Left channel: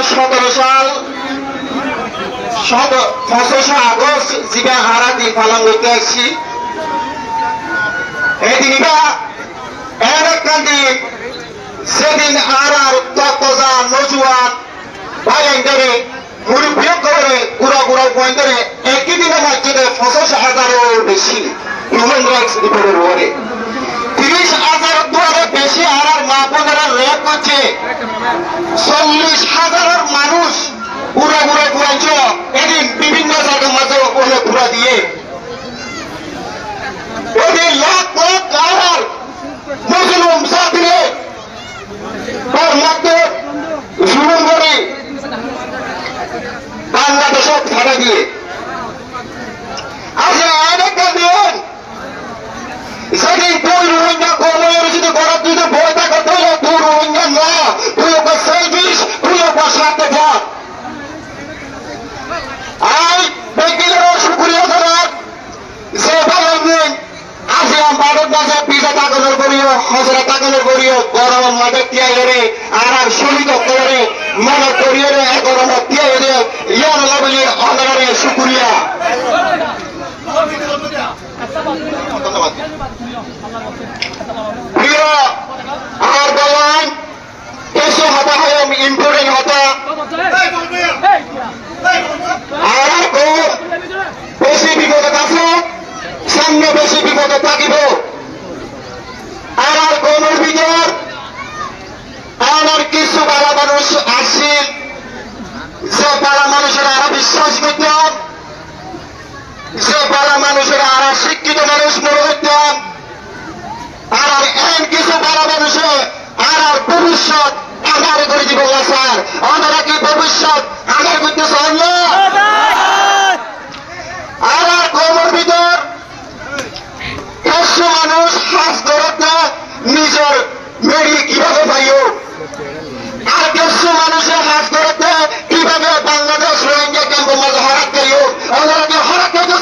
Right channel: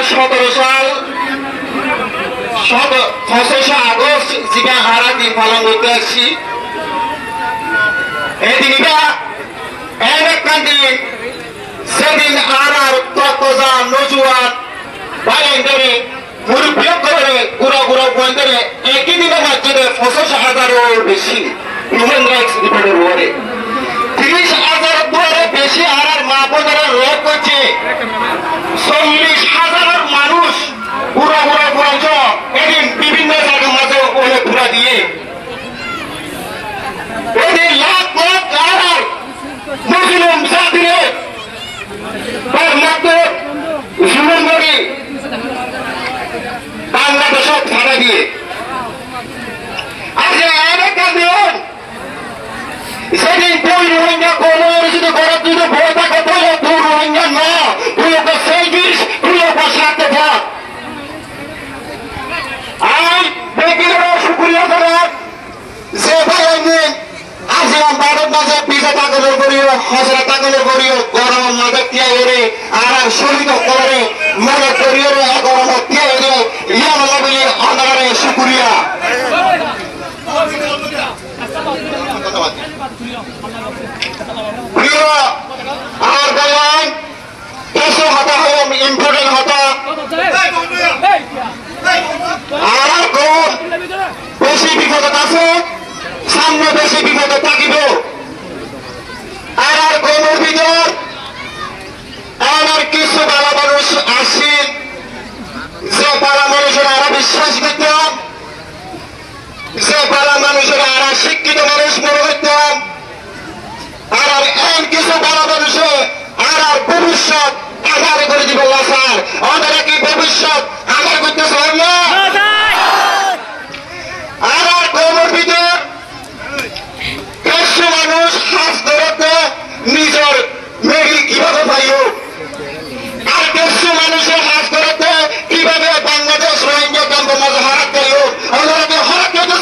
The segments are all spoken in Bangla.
2017 সাল 5 আগস্ট জিবা হারা দিন পালন করতে আসছি এদিনটা এরকম দিন সেদিন আর তকজা নজুয়াত বাইরে মুরব্বিও করে গুড়া গুড়া বন্ধরে একই দিনের মধ্যে 50,000-এর বেশি হিউম্যান রাইটস রিপোর্টের ওয়ারে 30,000 দুয়ারে বেশি আর মা বোনেরা রেপ করছে 40,000 মানুষ গুড়া গুড়া গুড়াঞ্চ এদিন বিভিন্ন জায়গার মাঝে ওলে ঘুরা দিয়ে এদিন লাখ লাখ আর মুসলিম জাতিরে তার মধ্যে জীবন করে বাংলাদেশক ভাড়া দিয়ে আজ একটা দিন সেদিন দুই রোহিঙ্গা কোমর যদি গরব দিতে ভয় থাকে তাহলে দুই রোহিঙ্গা না তুই ওকে সেলফিশ তুই ওকে সাথে থাক আর ব্যক্তিগত শুক্রিয়া করার যে ভাই আজ ভারত মাঝে 20 টাকা করিও 1000 টাকা করিও গরমের মধ্যে তিয়ারে আর শহীদ করে মনে করিও গরমের তিয়ারে ইয়ার বলি অনারে শুক্রিয়া প্রিয় আর বলেন এসে হতা হয় ইম্পর্টেন্ট হতা আর কোন বেশি বিপদ আছে সামনে বেশি বিপদে থাকিব আর কোন ভিতর আর কিছু ভালো মানুষ আসছে যে ভালো মানুষের আর বিশ্বাস করতাম যে ভালো মানুষের আর শিক্ষিত মানুষ মনে করতাম আর কিছু ভালো মানুষের আর ভবিষ্যৎ আধার করে দিব স্যার আমরা কি ভবিষ্যৎ আধার করতে চাই না আর কোমর ভিতর কিছু মানুষ হাস ধরতে নিজের মেরি কিভাবে পাইও আর কিছু মানুষের হাস ধরতে কিভাবে বাংলাদেশ রোহিঙ্গা ক্যাম্পের মাঝে হারাত করিও আমরা কি হারাত করতে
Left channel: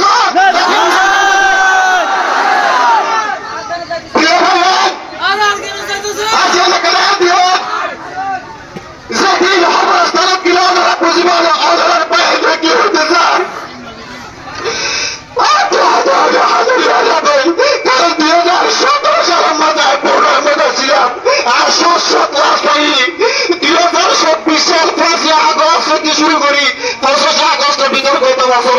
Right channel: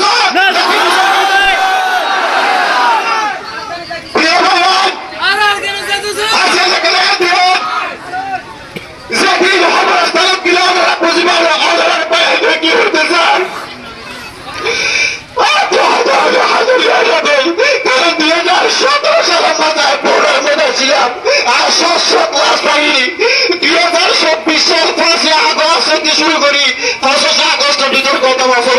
যেদিন হবস্থানে দিলে আমরা বুঝবো আধার পায়ে কি হইতে চান কারণ 2017 সালের মাথায় পনেরো মধ্যে ছিলাম আর 7 ক্লাস পাই 2024 সাল 5 আগস্ট থেকে শুরু করি 5 আগস্টের ভিতর গত বছর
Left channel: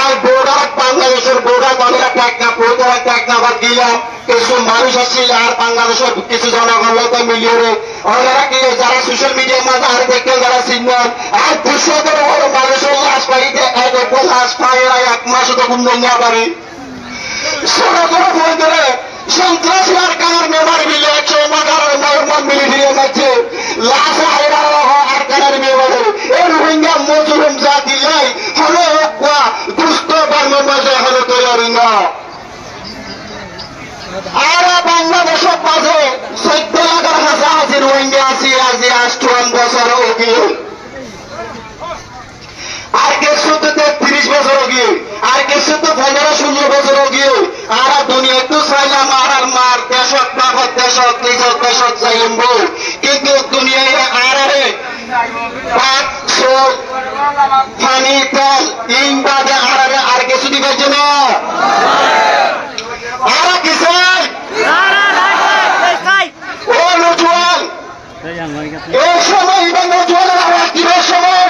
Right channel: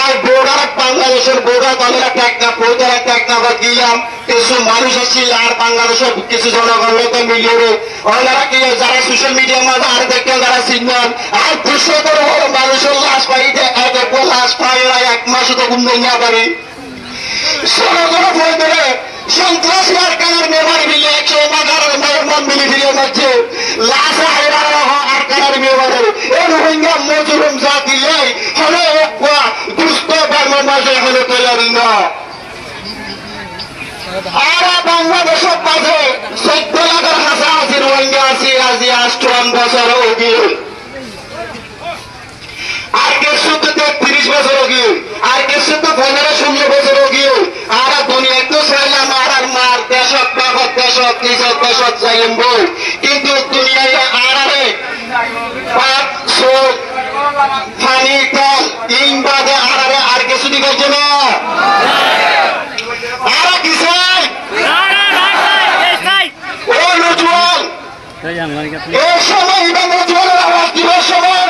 আর বোর্ডার বাংলাদেশের বোর্ডার দলের একটা বোর্ডার একটা বাদ দিলাম কিছু মানুষ আসছিল আর বাংলাদেশের কিছু জনগণ মিলিয়ে ওনারা কি যারা সোশ্যাল মিডিয়ার মাঝে আর দেখতেন যারা সিগন্যাল আর 200 করে হলো মানুষের লাশ পাইতে এক লাশ পাই ওরা 1 মাস তো ঘুম না পারি সরকার বই ধরে সন্ত্রাস আর কানার মেমারি মিলে 111 নরমান মিলি ফিরে যাচ্ছে লাশ আর কানার মেমারি এই রোহিঙ্গা মজুরম জাতি লাই হলে দুস্থ ধর্মের মাঝে হলে তৈরি না আর বাংলাদেশের মাঝে 14 লাখের কাছাকাছি রোহিঙ্গা আছি আজ 8 বছর গিয়ে আর কিছু তো 30 বছর গিয়ে আর কিছু তো 15-16 বছর গিয়ে আর দুনিয়া তো চাইলাম আর মার দেশক বাপত দেশক নিজের দেশক যাইম বল কিন্তু দুনিয়ায় আরে পাঁচ চোখ পানি তেল তিন বাদে আরে আর কিছু দিকে না আর কি চাই ও নজওয়ান এই সময় ইভেন নজওয়ানের আওয়াজ দিবে সময়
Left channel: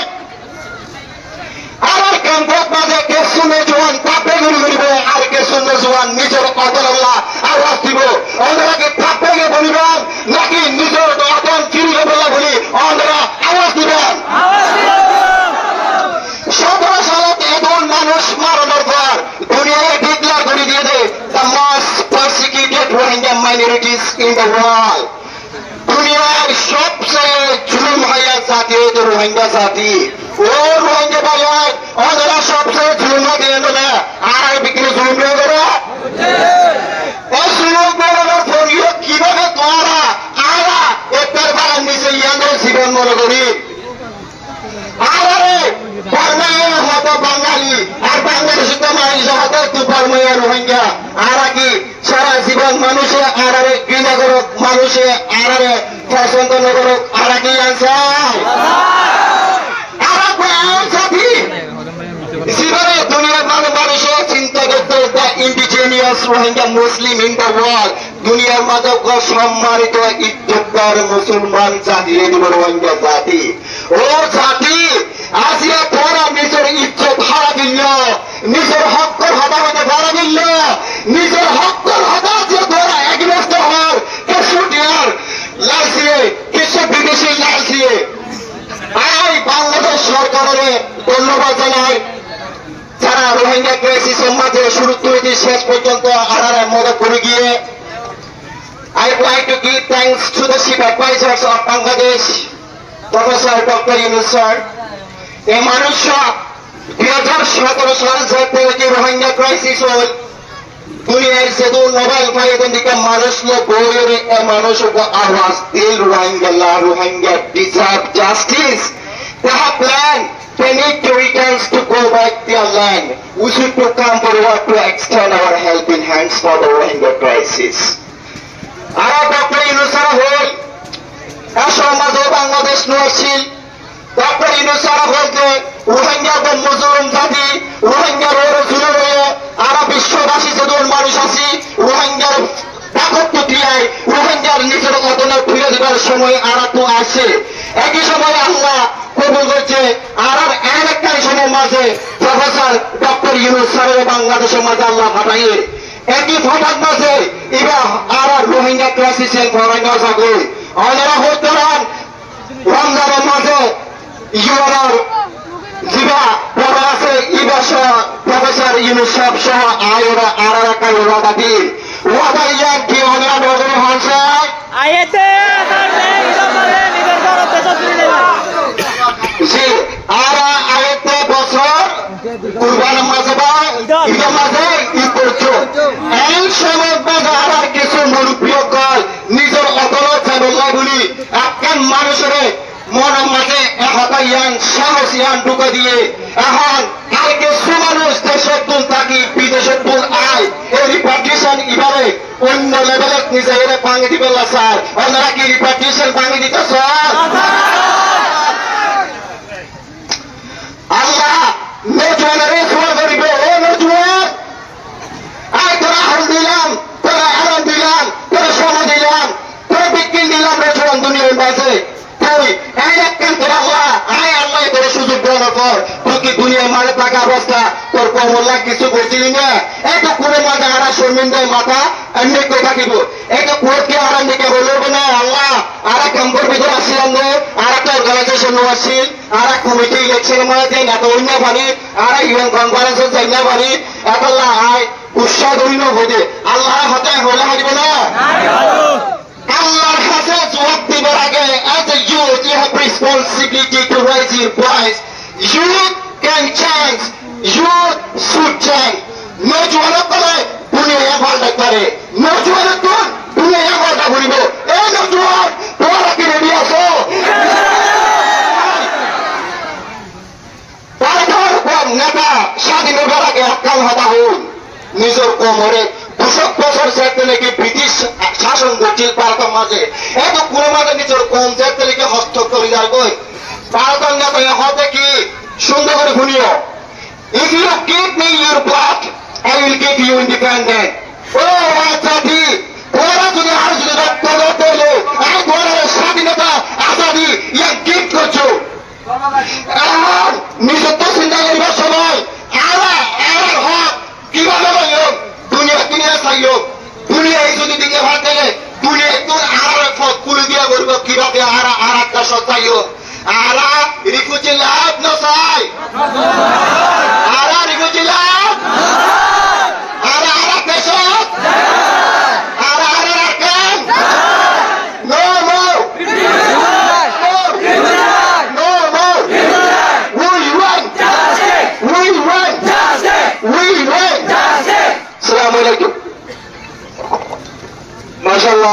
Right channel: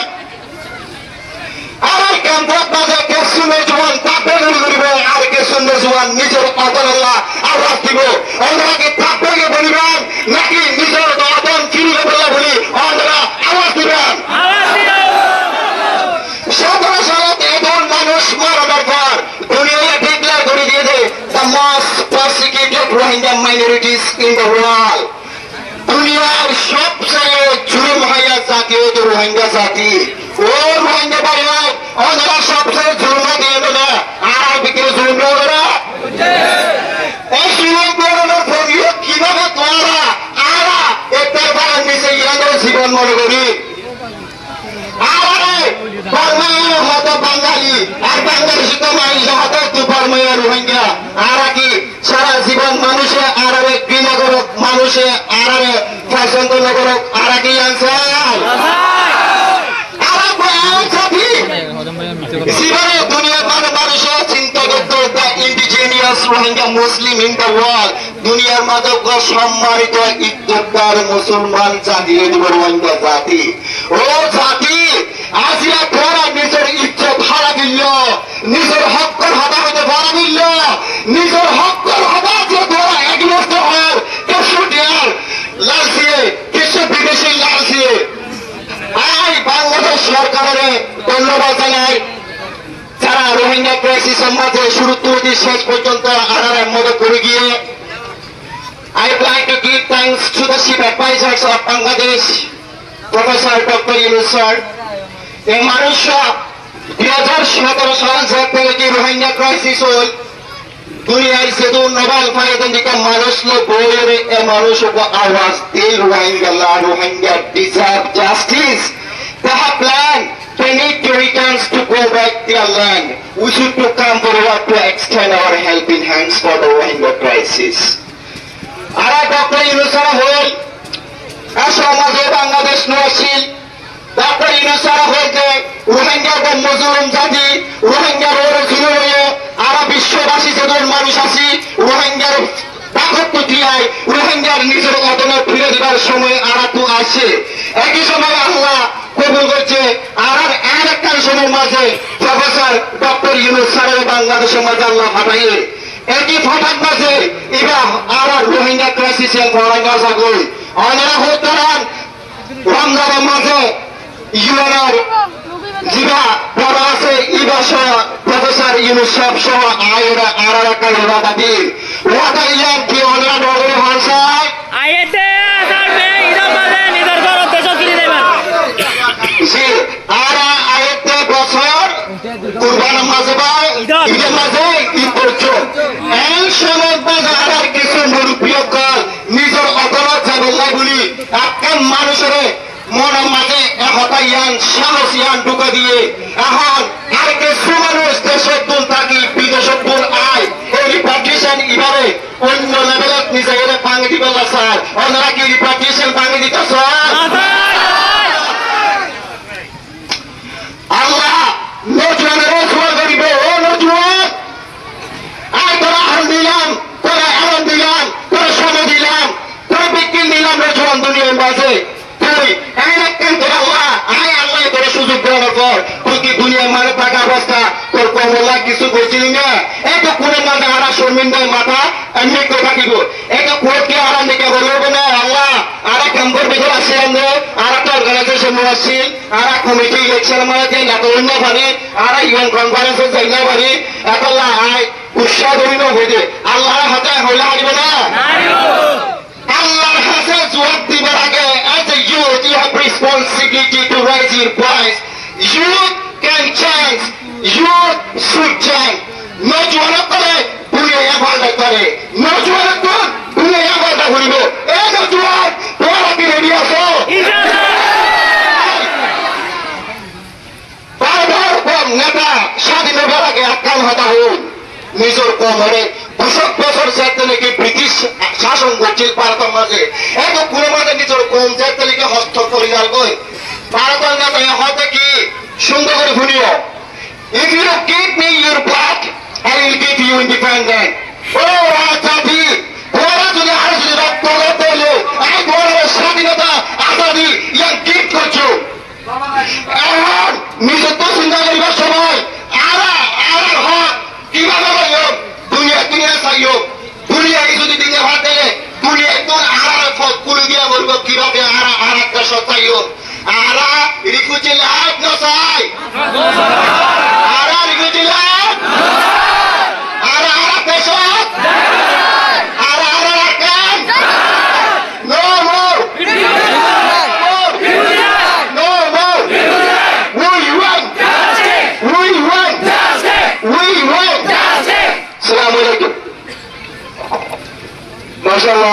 আর কেন্দ্রের মাঝে কিছু নজওয়ান তাপে ধরিবে আর কিছু নজওয়ান নিজের অদরল্লা আওয়াজ দিব ওনারা কি তাপে বলিবেন নাকি নিজের অদন চিনলে বলে বলি ওনারা আওয়াজ দিবেন 17 সালে এমন মানুষ মারা দরকার দুনিয়ায় ডিক্লেয়ার করে দিয়ে দেয় the most persecuted Rohingya minorities in the world দুনিয়ার সবচেয়ে জুলুম হইয়া জাতি রোহিঙ্গা জাতি ও রোহিঙ্গা ভাই ওনারা সবচেয়ে জুলুম দিয়ে না আর বিক্রি জুলুম করে এই জুলুম করার কিভাবে তোরা আরা একটার বাগান নিচে ইয়াদের জীবন মনে করি আরে বর্মাইয়ের হতো বাঙালি আর বাংলাদেশি তো মানুষ হতো তুই বর্মাইয়ের রোহিঙ্গা আর কি সারা জীবন মানুষের আর ঘৃণা করে মানুষে আর পছন্দ নগরক আর কি আনসার চিন্তা করতে the indigenous Rohingya Muslim in the world দুনিয়ার মাঝে সম্মানিত ইজ্জতদার মুসলমান জাতি দিব রোহিঙ্গা জাতি ও জাতি আজিয়া তোরা নিজের ইজ্জত হারা দিল নিজের হকর হবা হতে হারা দিল নিজের হকর হবা যে তোরা এগনেস্ট হওয়ার কিছু দেয়ার লাইসিয়ে কিছু বিদেশি লাইসিয়ে আই বাংলাদেশ সরকারের ধন্যবাদ জানাই যারা রোহিঙ্গা ক্রাইসিসের মাঝে শুরু থেকে শেষ পর্যন্ত আনার মদত করে গিয়ে I would like to give thanks to the chief advisors of Bangladesh, Professor Dr. Yunus sir. এই মানুষ 2017 সাল থেকে রোহিঙ্গা ক্রাইসিস হল দুনিয়ার সেদু নোবেল ফাইদেন্দিকা মানুষ লো বইরে এ মানুষ আওয়াজ দিল Rohingya deserve justice. They have planned. They need to return to go back their land. We should to come forward to extend our helping hands for the Rohingya crisis. Ara Dr. Yunus hol সমাজে বাংলাদেশ নছিল Dr. Yunus বলতে রোহিঙ্গা ও মুসলিম জাতি রোহিঙ্গার জুলুম হয়ে আর বিশ্ববাসী যেজন মানুষ আছি রোহিঙ্গার দাপত্য দিয়ায় রোহিঙ্গার নিজের অদলে ফিরে দেওয়ার সময় আরা তো আসে একই সময় আল্লাহ কবুল করছে আর একটা সময় মাঝে প্রফেসর ডক্টর ইউনুস স্যারের বাংলাদেশের মাঝে আল্লাহ ফাটাইয়ে একই ফাটার মাঝে এরা আর রোহিঙ্গা ক্রাইসিসের রোহিঙ্গা জাগল ওনারা হতে রমজানের মাঝে ইউএনআর জিবা বড় আছে ইবাসা প্রফেসর ইউনুস সাহেব সহ আয়রা আর একটা ওয়াদাদি ওয়াদাইয়ান কি ওনারা নগর হনছে আইতে করবে ইদমে নিদর করতে চলি নেবা জি আর আইতে বছর কুরবান মাঝে বা ঈদের মাঝে ঈদ করছো এই সময় বাজার আর কিছু মুরব্বিয়কল নিজের অদলত জানাল্লাহ বলি একজন মানুষের মনের মাঝে এহতাইয়ান সাহসিয়ান ঢুকে দিয়ে এখন কালকে সুমানুষ দেশের তুল থাকি বিদেশের তুল আয় এই রিপার্টিশন এবারে অন্য লেভেলত নিজের ভাঙি দিব না স্যার ওনারা কি রিপার্টিশন ভাঙি দিতে স্যার আল্লাহ নজওয়ানের ফল করিব ও নজওয়ান আয় তোরা হাল দিলাম তোরা আরাম দিলাম তোরা সময় দিলাম তোরা বিক্রি দিলাম নজওয়ান দুনিয়ার মাঝে তুই একখান করে আল্লাহ আয় আল্লাহ তোর সুযোগ দেওয়ার পর তুই কি দুনিয়ার মানে থাকা অবস্থা তোর কমলা কিছু করছিলি না এত কোনো মাঝে আরা শর্মিন্দায় মাথা এমনি করে থাকিব এত কোর্টকে আরাম দিকে বলবো না আল্লাহ আরা ক্যাম্পের ভিতরে আসছিলাম না আর একটা অর্গানাইজেশন আসছি আর কমিটি ইলেকশন মনে যাই না অন্য পারি আর ইউএন কনফারেন্সে যাই না পারি একল্লা আয় উৎসাহ ধরি না বোঝে আল্লাহর হাতে হইলে হারিবে না আল্লাহর হাতে জবাব দিবার আগে as a youth you have responsibility to raise your voice. Youth can change. Youth should change. নজওয়ান করে দুনিয়া এভাবে করে নজওয়ান তো দুনিয়া এভাবে ঘুরিব এই নজওয়ান তোরা কি রেডি আছো নেতা স্বাধীনতার আগে আক্রান্ত হতা হন নিজের কোমরে 200 বছর যেতে নাকি ব্রিটিশ শাসন করছিল ভারতের মাঝে এত কোনো মাঝে নিজের কম যেতে নাকি হস্তক্ষেপ করে যার গই ভারতের নেতা হতে কি সুন্দর করে শুনিও if you give me your blood I will give you independent ও রাজাদি তোরা যদি আর যদি রক্ত দিলে এই তোর স্বাধীনতা আজাদি ইয়া গিফট করছো এখন নিজের তো চিন্তা করিবার সময় আর হক কিভাবে হইও দুনিয়া কিনে চাইও দুনিয়ায় যদি দিকে ভাত দিলে দুনিয়ায় তো আর কুড়ি দিয়া বলব কিভাবে আর একটা সত্তাইও আর রিকুচি লাভ ন চাই আর রিকুচি লাভ আর পেশত আর রাখেন no no Assalamualaikum. Masya Allah.